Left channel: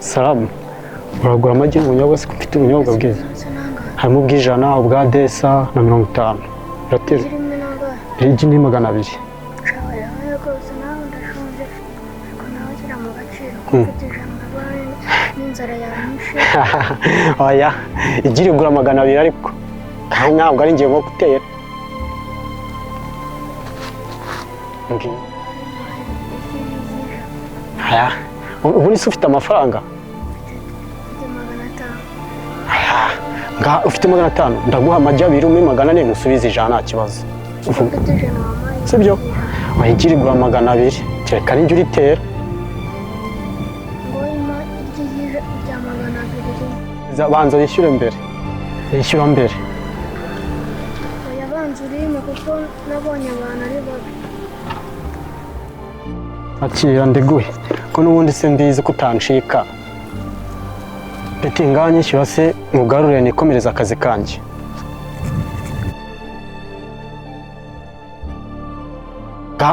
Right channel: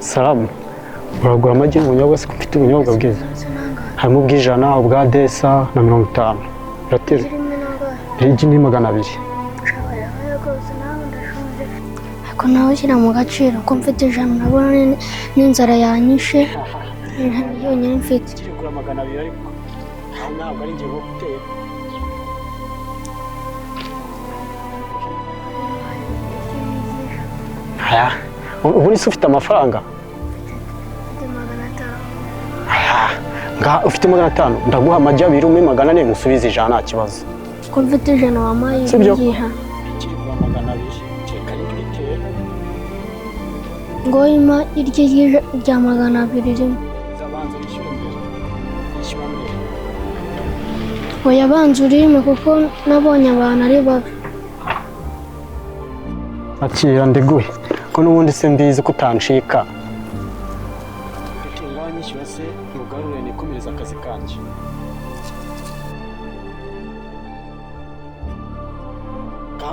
Salamu. Uragura amagi y'ubunyobwa se ufite ubunyobwa bwiza? Harimo ubw'ijana, ubwa desa na 50. Ratira. Igi ni 200. Ko nawe ushyira mu gaciro ko mfite ijana nabona n'inzara yanyishe. Oya, igi rigura 200 ariko ntabwo ari ngiye nko gutera. Aya, ubu ni ufite amafaranga? Nga ufite 500 ndaguha amagi 2 umwe 400 musubize ijana nta kibazo. Ufite ijana wamaye. Sibyo? Wayigiri gura 200 kereka n'injye uritera. Ngo ima iryo rya 200. Zabanza yishyure mbere. Yishyura mbere. Oya banza urime kuko nabonye abantu ari babi. Akira ndiguhe ko n'ubundi se mbizi ko utancika. Beti nganyishyura se mugarure nikomereza akazi kanjye.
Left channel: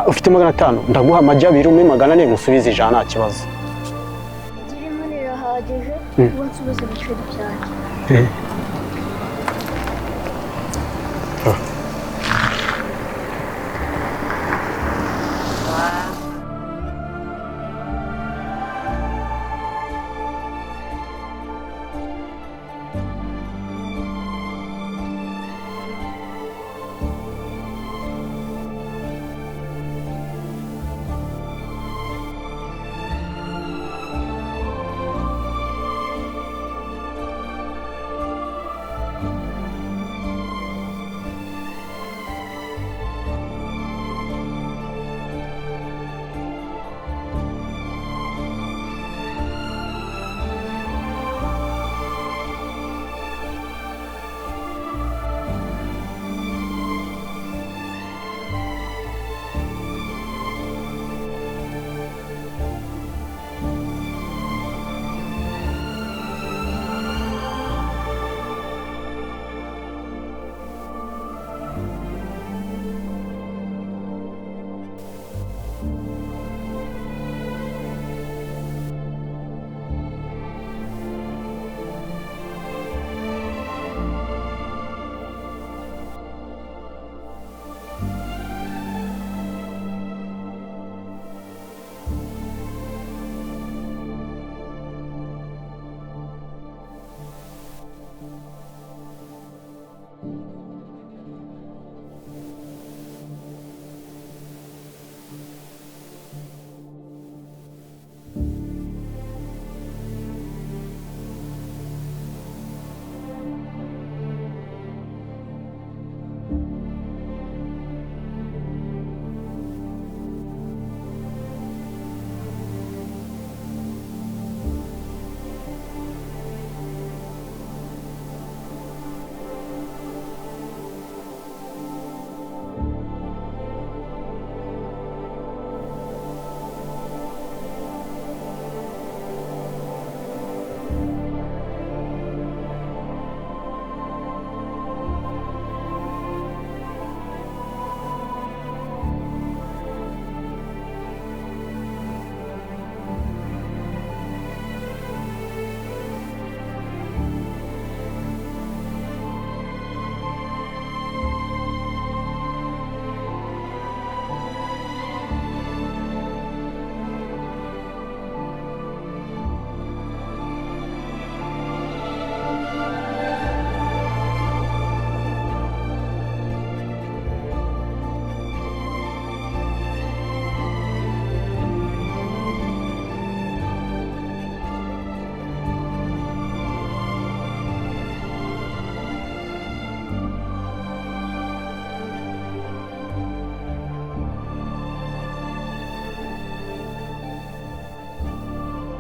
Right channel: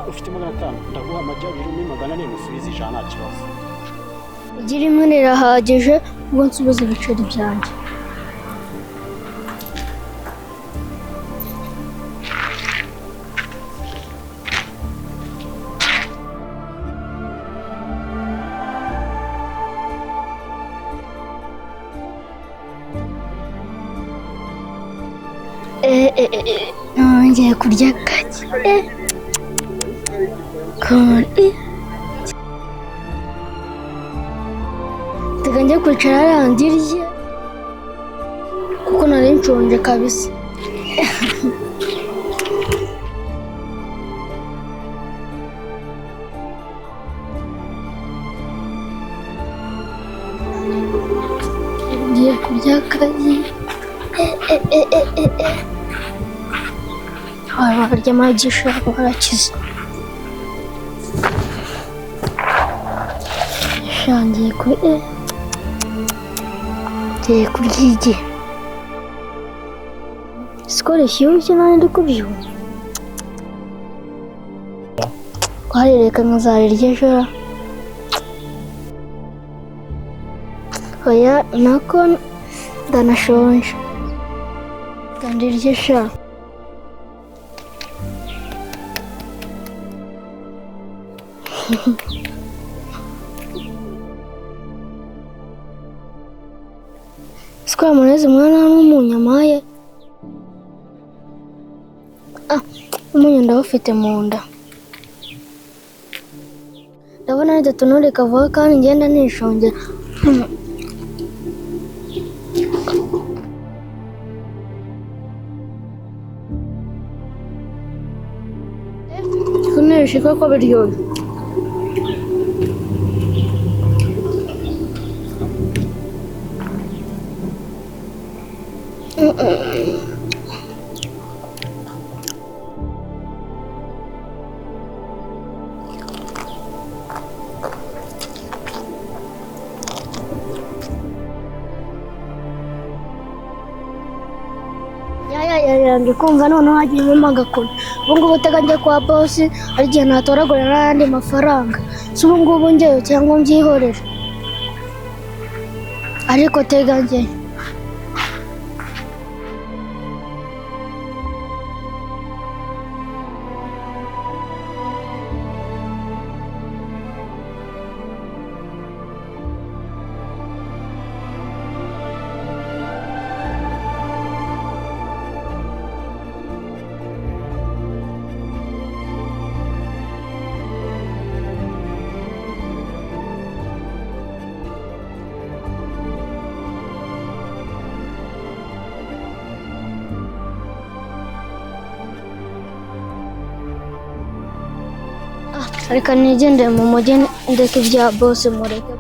Ufite 500 ndaguha amagi 2 umwe 400 musubize ijana nta kibazo. Igi rimwe rirahagije ubwo nsubiza ibiceri byanjye. Ngiye kurya kaki. Teganya kwicara arandirye kuko nari nshonje kabisa. Ngiye kurya kaki. Barya amagi ushaka barakiza. Ngiye kurya igi. Sikore shyushye nani ndi kubyumva. Twarereka nkazarirya ejo. Oya nako ndanashonje. Kandi iryo sha. Sikwa muneze mwana n'umunyamaye. Umunyu ndawufite mu nda. Ndabona ari tatunure kavuga kandi ngenda nishongera. Kuneshika ko biryoshye. Ndikumva noneho hagiyemo agakoni. Ubu ngubu uteganya kwa bosi ari igihe natoragura n'ayandi mafaranga. Si ubu ngubu njyewe cyangwa mbyihorere. Ariko teganya reka nigendere mu mujyi ndeke ibya bosi mureke.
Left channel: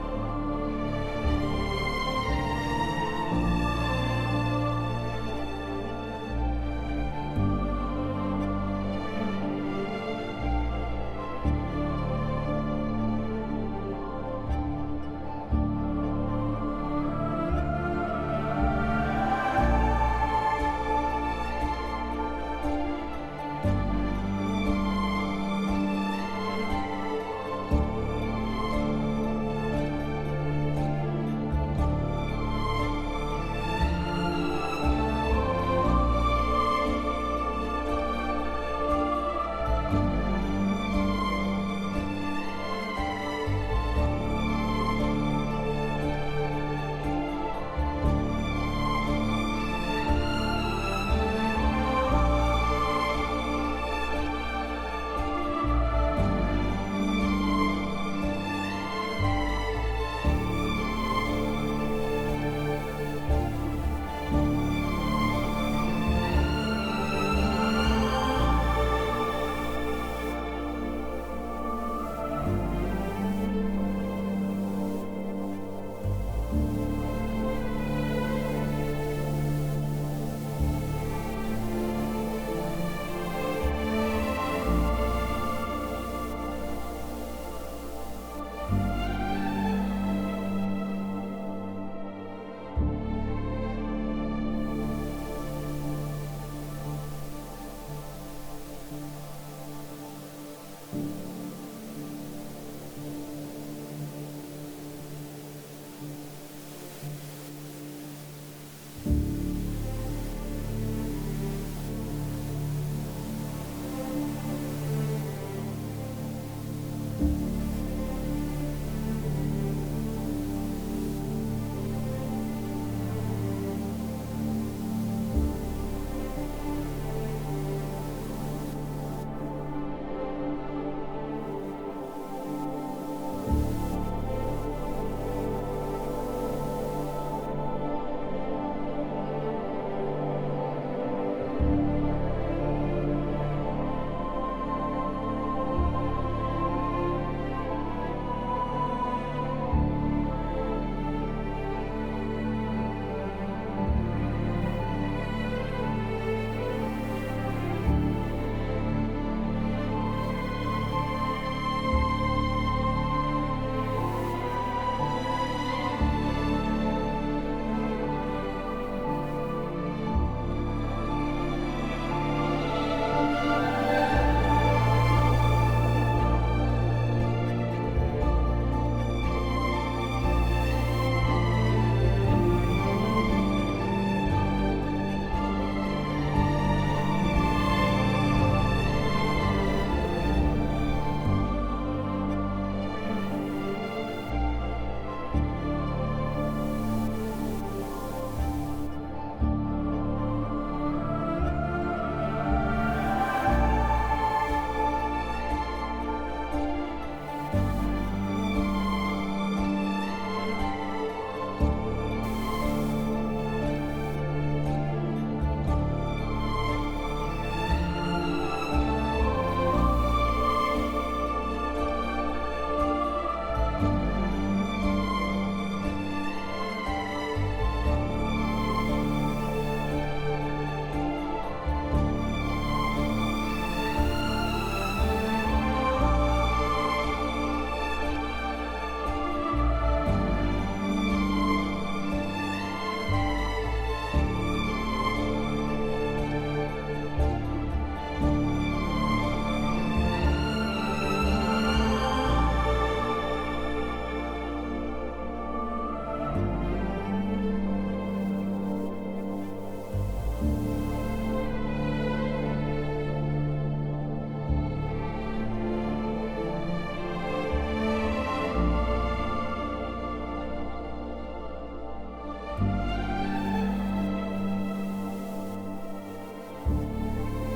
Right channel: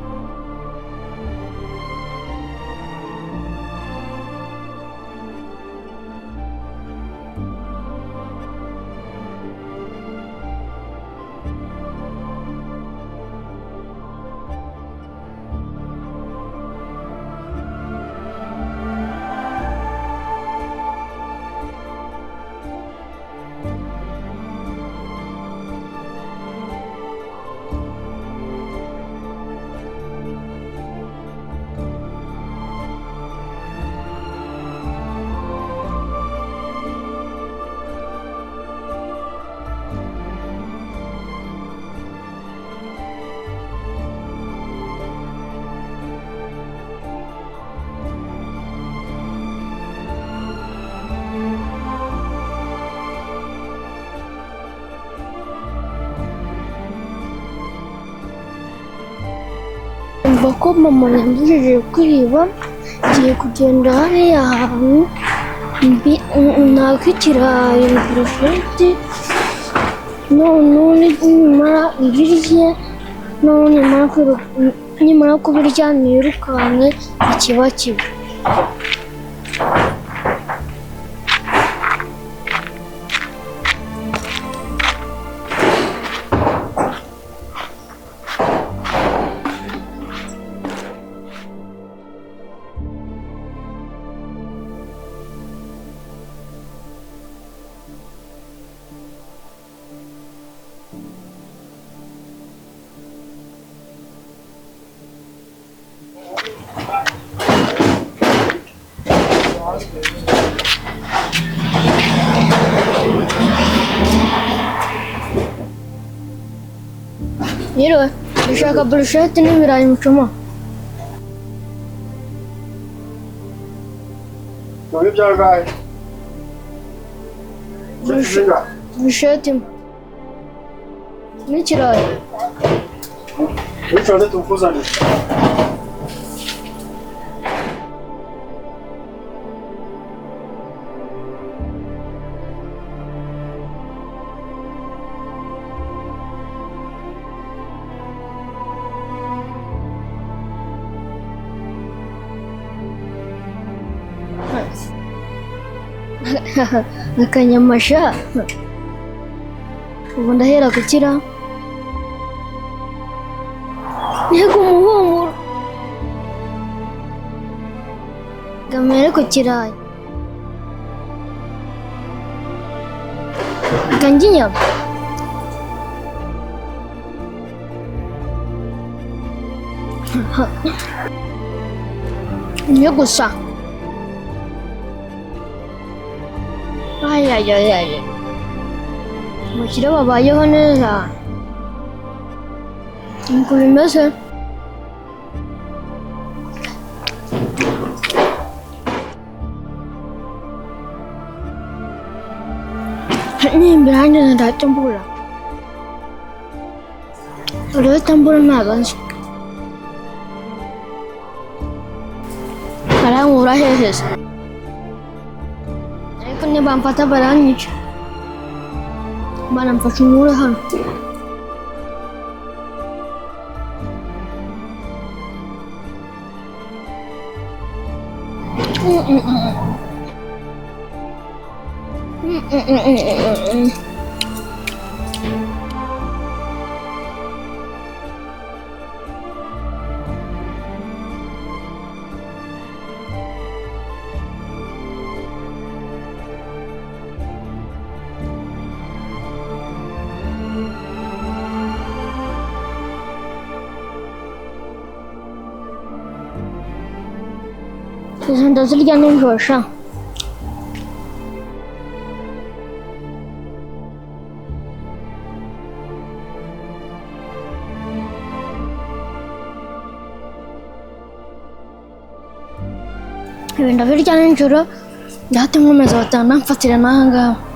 numva ko mama yangije kwiba ngiye kugenda hariya hantu nakikiraye burusheti none nimara ibirye none nimara kubirya nirukanke ikiba kiba Yiriwe ushaka burusheti n'ibirayi mucoma None byagaye burusheti n'ikirayi Icyo tukuzanira akanyamasha ubu ndahera gukira yego umuhumuro gamere ku kirayi kanjye inyama niyo gusa ay umukire babayeho neza nuko bimeze nimbere hanjye ndahita mbura urahita mbura ntabwo nzi arankura heheze ariko nibamfata baranyica baramfasha unkure hano izo ndazirya nijoro sha ibi ndabirya nijoro ndahita nkomeza batanga mfatira n'aha ngaha